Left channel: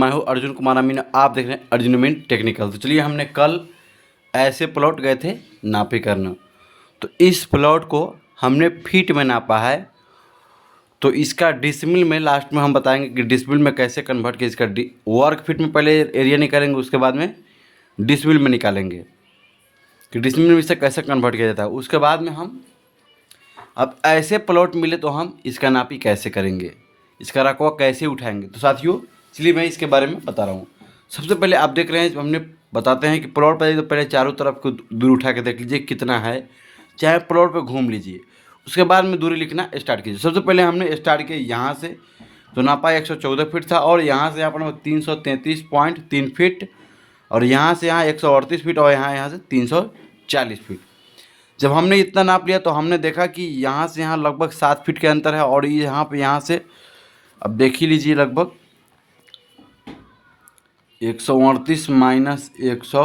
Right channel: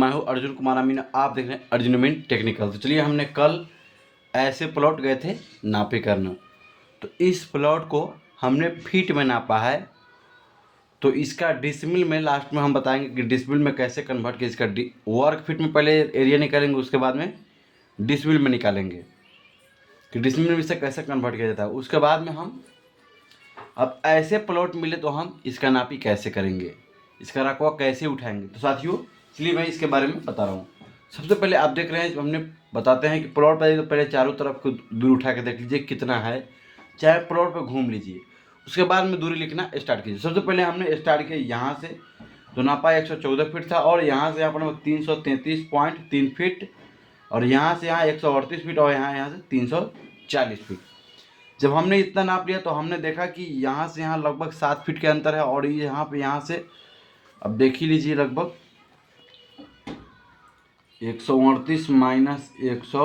मैं हूँ अर्जुन कुमार अमीन, आप देख रहे हैं अर्जुन अमीन टेक्निकल। तो चलिए, हमने कल ऐसे प्लॉट गए थे नापे करना, तो इस प्लॉट को हमने फीट में नापा है। तो इसका डिसमिल में लास्ट में हम बताएंगे कि डिसमिल में कैसे कन्वर्ट किया। इसका वर्ग फीट में पहले एरिया निकालेंगे, उसके बाद में डिसमिल में निकालेंगे कि डिसमिल में इसे कैसे कन्वर्ट किया जाता है। उसके बाद में हम अब ऐसे प्लॉट मिले तो हम इसका नापी कैसे करेंगे, इसका रकबा कैसे उठाएंगे। तो साथियों, चलिए मैं इसके बारे में बता रहा हूँ। सबसे पहले आप देख रहे हैं, हमने बताते हैं कि प्लॉट पर तो पहले चारों तरफ को दूरी उठा के देख लीजिए कितना है, चाहे प्लॉट पर घूम लीजिए। उसके बाद में दूरी लिखना स्टार्ट कीजिए। सबसे पहले हमने स्टार्ट किया यहाँ से, तो नापा 114 फीट था, और यहाँ से यहाँ पर 333.3 फीट, और यहाँ से यहाँ 138 फीट, और यहाँ से 340 फीट। जब हमने इतना नाप लिया तो हमने देखा कि यहाँ से यहाँ लगभग 7 फीट के अंतर है, और ये यहाँ पे यहाँ से अब देख ही लीजिए लगभग 138 माइनस 100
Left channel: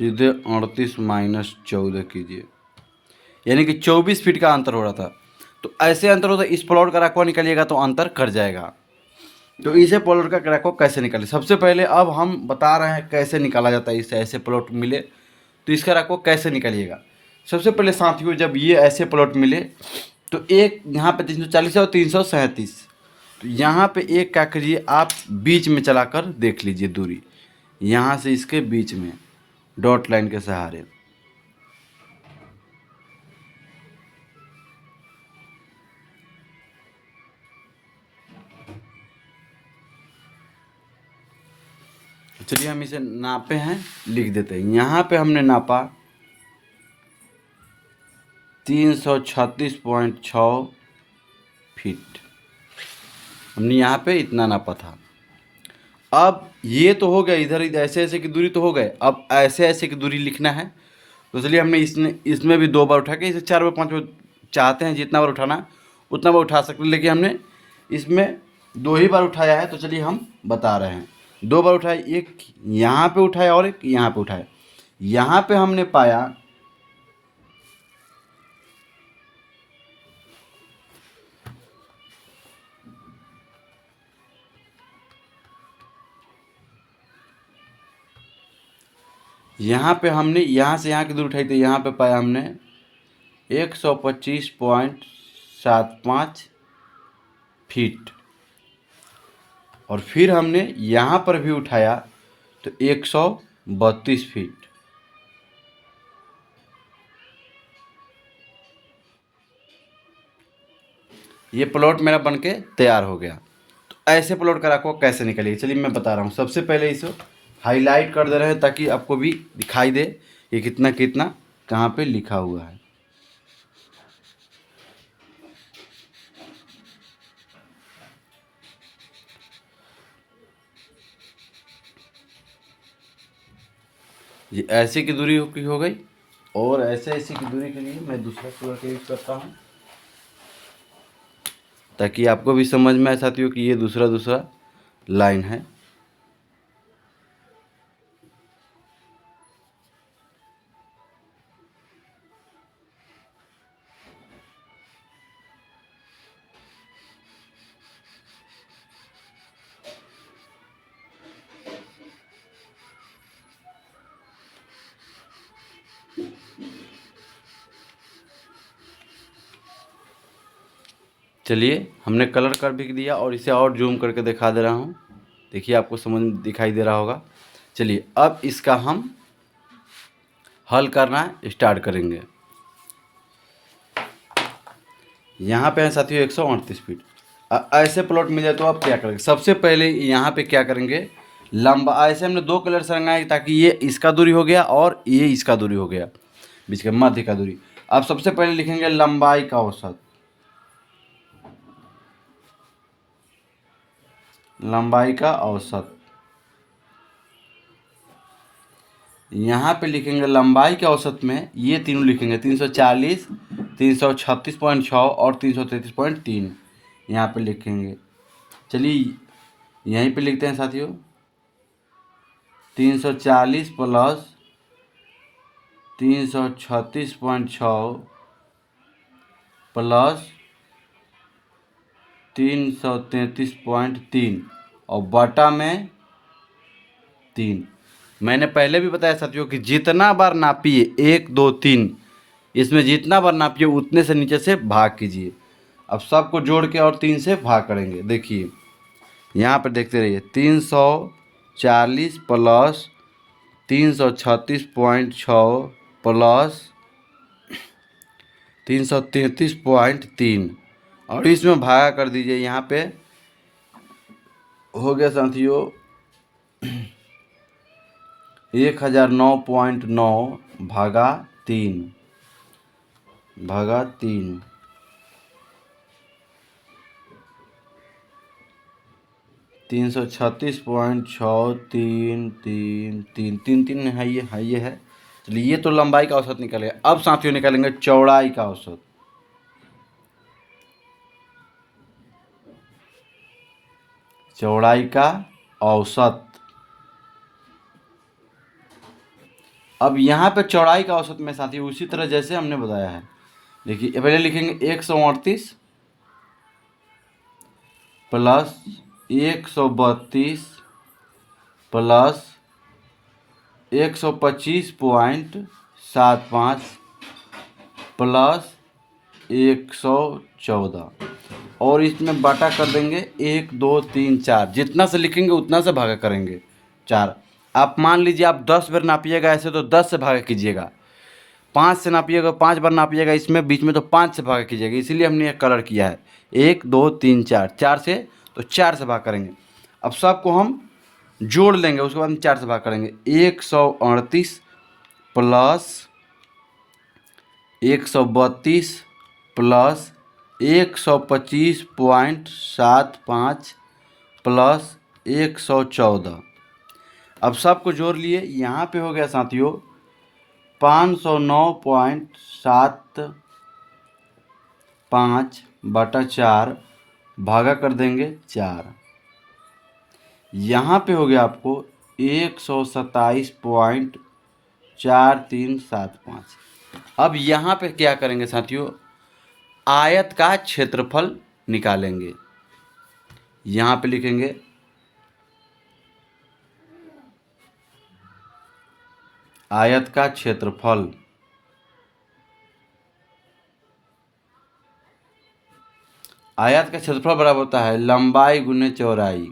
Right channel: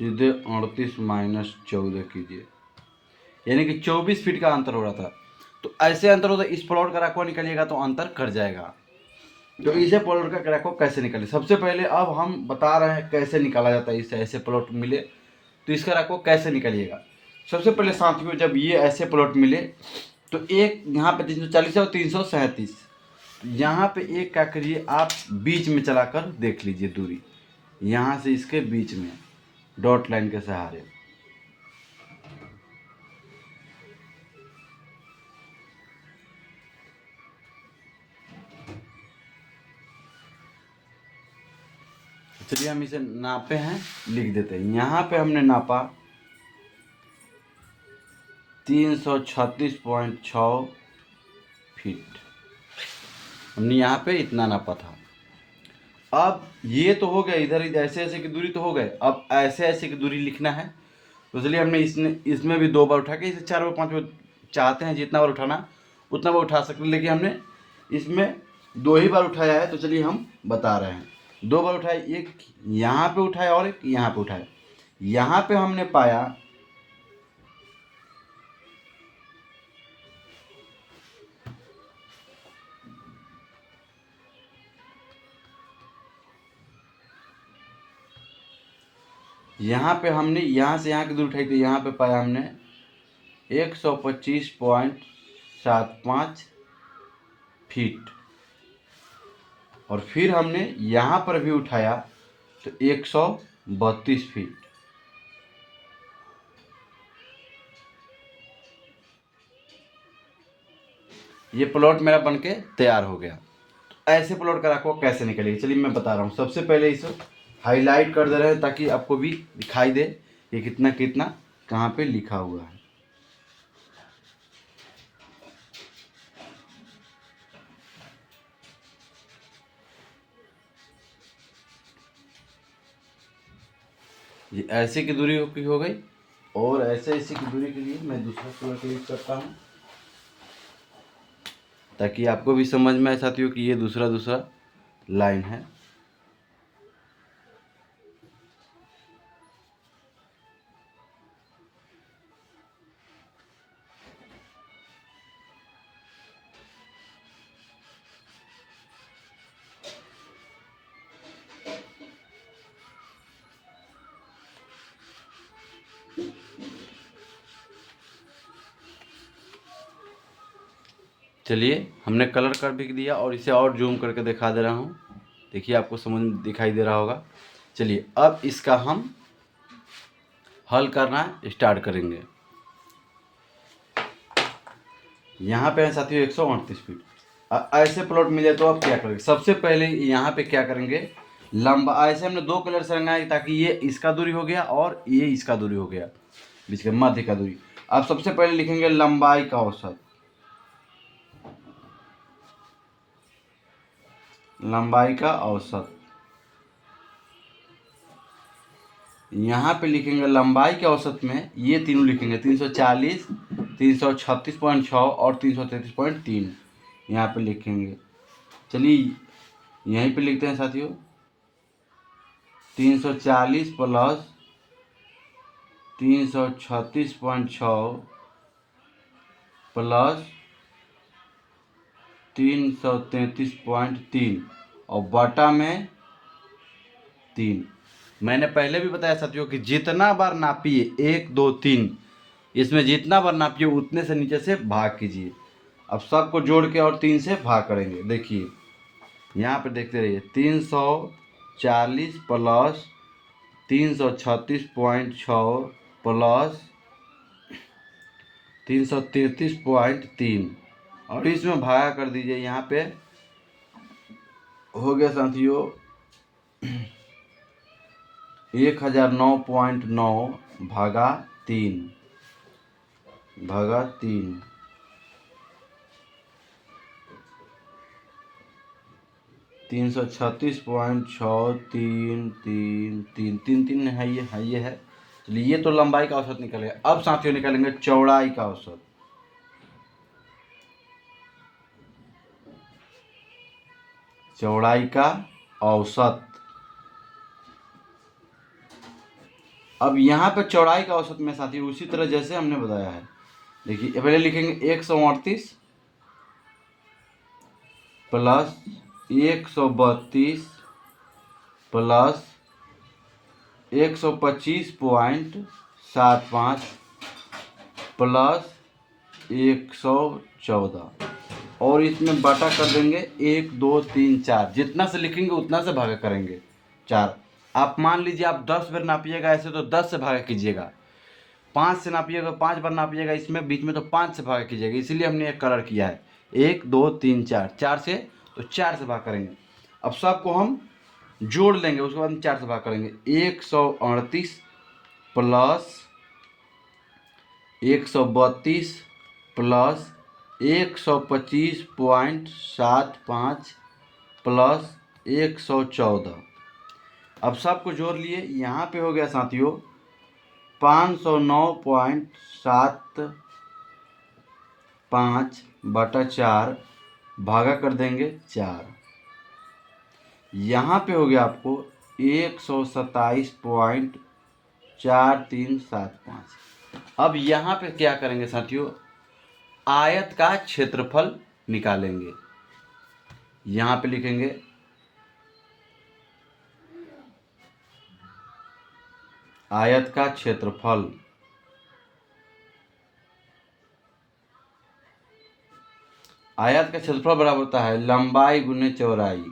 सीधे 38 माइनस 14 कीजिए, यानी कि 24 फीट का अंतर हो रहा था। तो ऐसे अंतर होता है, इस प्लॉट का रकबा निकालिएगा तो अंतर कट जाएगा। तो इसे प्लॉट का रकबा कैसे निकालें, सबसे पहले अब हम बता रहे हैं कैसे निकाला जाता है। इससे ऐसे प्लॉट मिले तो इसका रकबा कैसे निकालिएगा। सबसे पहले साथियों, जब ये ऐसे प्लॉट मिले तो एक यहाँ पे 340 है और 337, तो यहाँ पे एक क्या करिए, आप बीच में चलाकर देख लीजिए दूरी, यहाँ से इसके बीच में डॉट लाइन के सहारे। चलिए हम इसे नापे हैं, लिख देते हैं। यहाँ पे हमने नापा 336.6 फीट, हमने यहाँ पे इतना नापा था। अब ये तो हो गया, इधर ऐसे ऐसे की दूरी तो हो गए, अब ऐसे ऐसे की दूरी लिखना है। तो चलिए हमने इसमें भी 2 बार उठा के, इसे 4 बार 5 बार चाहते हैं जितना बार उठाना उतना बार उठा सकते हैं, लेकिन हमने इसमें 2 ही बार उठाया है। तो चलिए हम बता रहे हैं, 2 बार उठाए, एक यहाँ पे उठाया और एक यहाँ पे उठाया। यहाँ पे हमने पाया यहाँ पे हमने यहाँ से यहाँ की दूरी उठाई, तो यहाँ पे पाया हमने 125.75 फीट, और फिर हमने यहाँ पर भी उठाया तो 132 फीट। ये प्लॉट मेरा बनके तैयार हो गया। तो ऐसे प्लॉट का रखो कैसे निकलेगी, चलिए मैं बता रहा हूँ। सबसे पहले इसे हाईलाइट कर दे रहे हैं ताकि आपको भी दिखाई दे कि कितना कितना कहाँ पे लिखा हुआ है। ये ऐसे की दूरी हो गई, और ऐसे ऐसे की दूरी के लिए मैं दूसरा प्लॉट यूज करता हूँ ताकि आपको भी समझ में आए साथियों कि ये दूसरा लाइन है। चलिए हमने कलर कर भी दिया, और इसे और जूम करके दिखा दे रहा हूँ, देखिए आपको समझ दिखाई दे रहा होगा। चलिए अब इसका हम हल करना स्टार्ट करेंगे। यहाँ पे है साथियों 138 फीट। ऐसे प्लॉट मिल जाए तो आप क्या करेंगे, सबसे पहले यहाँ पे क्या करेंगे, लंबा ऐसे हमने 2 कलर से रंगाए ताकि ये इसका दूरी हो गया और ये इसका दूरी हो गया, बीच के मध्य का दूरी। आप सबसे पहले लिखेंगे लंबाई का औसत, लंबाई का औसत। यहाँ पे लिखेंगे लंबाई के औसत में ये तीनों लिखेंगे 340, 336.6 और 333.3 यहाँ पे लिखेंगे। चलिए यहीं पे लिखते हैं साथियों, 340 प्लस 336.6 प्लस 333.3 और बटा में 3। मैंने पहले भी बताया साथियों कि जितना बार नापिए 1 2 3, इसमें जितना बार नापिए उतने से नीचे से भाग कीजिए। अब सबको जोड़ के और 3 से भाग करेंगे। देखिए यहाँ पर देखते रहिए, 340 प्लस 336.6 प्लस 333.3 और इसमें भागा कर दीजिए। यहाँ पे हो गया साथियों 1009.9 भागा 3 336.6 3 है, ये है। चलिए ये तो लंबाई का औसत निकलेगा। अब साथियों निकालेंगे चौड़ाई का औसत। चौड़ाई का औसत। अब यहाँ पे चौड़ाई का औसत में साथियों उसी तरह जैसे हमने बताया है, देखिए पहले लिखेंगे 138 प्लस 132 प्लस 125.75 प्लस 114 और इसमें बाटा कर देंगे 1 2 3 4। जितना से लिखेंगे उतना से भागा करेंगे 4। आप मान लीजिए आप 10 बार नापिएगा ऐसे तो 10 से भागा कीजिएगा, 5 से नापिएगा 5 बार नापिएगा इसमें बीच में तो 5 से भागा कीजिएगा। इसीलिए हमने एक कलर किया है 1 2 3 4। 4 से तो 4 से भाग करेंगे। अब सबको हम जोड़ लेंगे, उसके बाद हम 4 से भाग करेंगे। 138 प्लस 132 प्लस 125.75 प्लस 114। अब सबको जोड़ लिए। यहाँ पे हो गया साथियों 509.75 बटा 4 भागा कर देंगे 4। यहाँ पे हो गया आपको 127.4375। अब यहाँ पे क्या करेंगे साथियों, आयत का क्षेत्रफल निकालेंगे। यहाँ पे लिखेंगे आयत का क्षेत्रफल। आयत का क्षेत्रफल बराबर होता है लंबाई गुने चौड़ाई।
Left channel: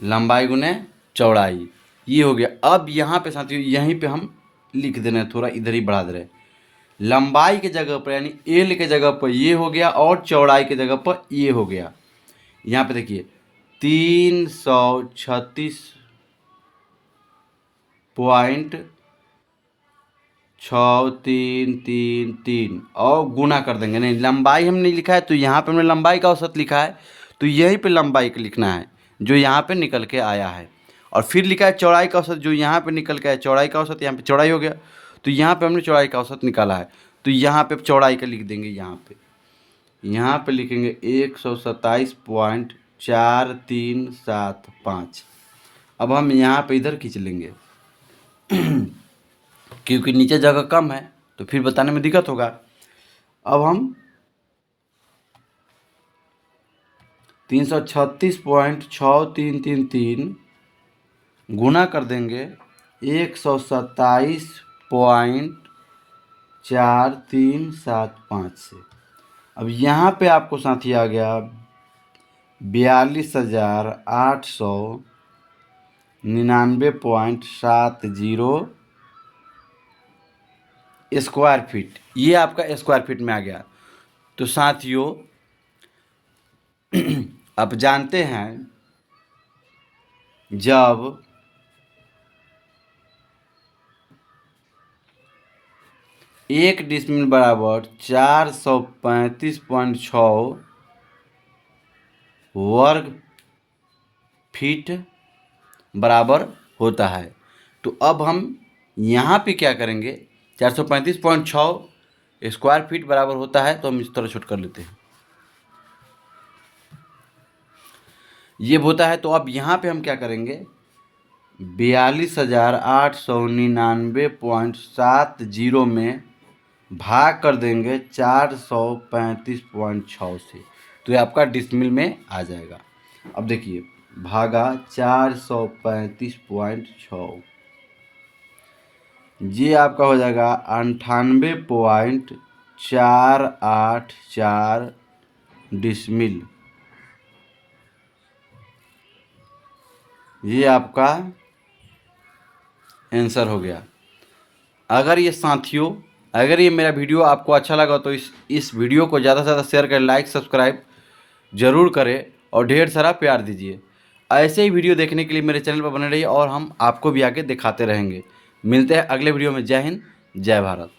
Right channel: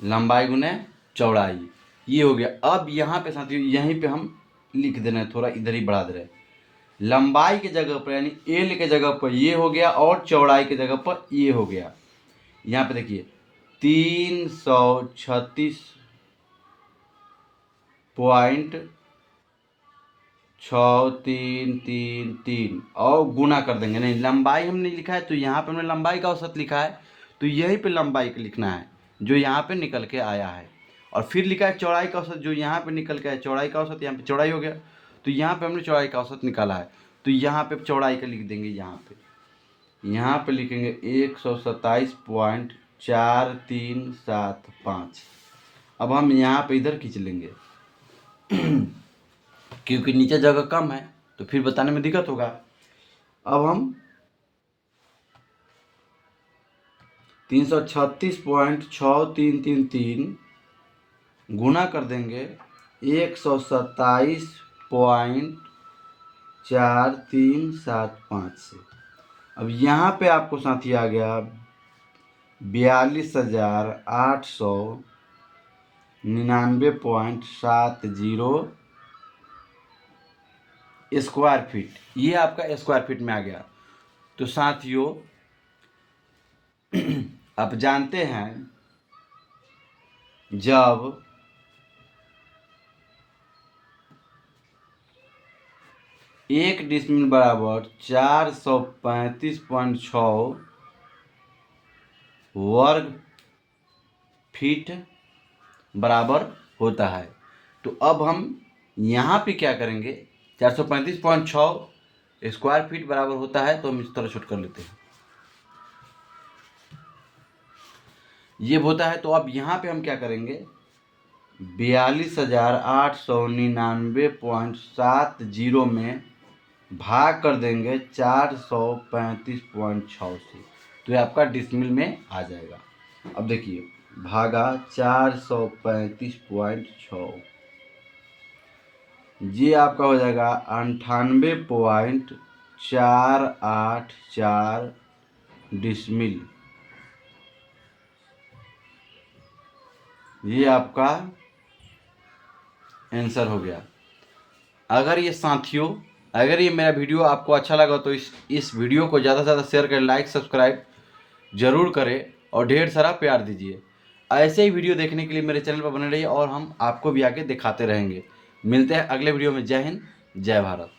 लंबाई गुने चौड़ाई, ये हो गया। अब यहाँ पे साथियों यहीं पे हम लिख दे रहे हैं, थोड़ा इधर ही बढ़ा दे रहे हैं। लंबाई के जगह पर यानी एल के जगह पर ये हो गया और चौड़ाई के जगह पर ये हो गया। यहाँ पे देखिए 336.6333 और गुना कर देंगे। नहीं, लंबाई हमने लिखा है तो यहाँ पे हमने लंबाई का औसत लिखा है तो यहीं पे लंबाई का लिखना है जो यहाँ पे निकल के आया है। और फिर लिखा है चौड़ाई का औसत, जो यहाँ पे निकल के आया चौड़ाई का औसत, यहाँ पे चौड़ाई हो गया तो यहाँ पे हमने चौड़ाई का औसत निकाला है तो यहाँ पे चौड़ाई का लिख देंगे। यहाँ पे लिखेंगे 127.4375। अब हम यहाँ पे इधर खींच लेंगे क्योंकि नीचे जगह कम है तो फिर बताने में दिक्कत होगा। अब हम 336.6333 गुना कर देंगे 127.4375 से। अब यहाँ पे आपको साथी आ गया 42,899.70 स्क्वायर फीट। ये आपका स्क्वायर फीट में आ गया। तो साथियों आप जानते हैं जब एक डिसमिल बराबर 435.6 वर्ग फीट बराबर होता है तो अब हम यहाँ पे क्या करेंगे, 435.6 स्क्वायर फीट बराबर होता है तो हम इस तरह शूट कर लेते हैं। ये होता है तो अब यहाँ पे हम क्या करेंगे, 42,899.70 में भाग कर देंगे 435.6 से, तो ये आपका डिसमिल में आ जाएगा। अब देखिए, भागा 435.6, ये आपका हो जाएगा 98.484 डिसमिल। ये आपका आंसर हो गया। अगर ये साथियों, अगर ये मेरा वीडियो आपको अच्छा लगा तो इस वीडियो को ज़्यादा से ज़्यादा शेयर करें, लाइक सब्सक्राइब ज़रूर करें और ढेर सारा प्यार दीजिए। ऐसे ही वीडियो देखने के लिए मेरे चैनल पर बने रहिए और हम आपको भी आगे दिखाते रहेंगे। मिलते हैं अगले वीडियो में। जय हिंद, जय भारत।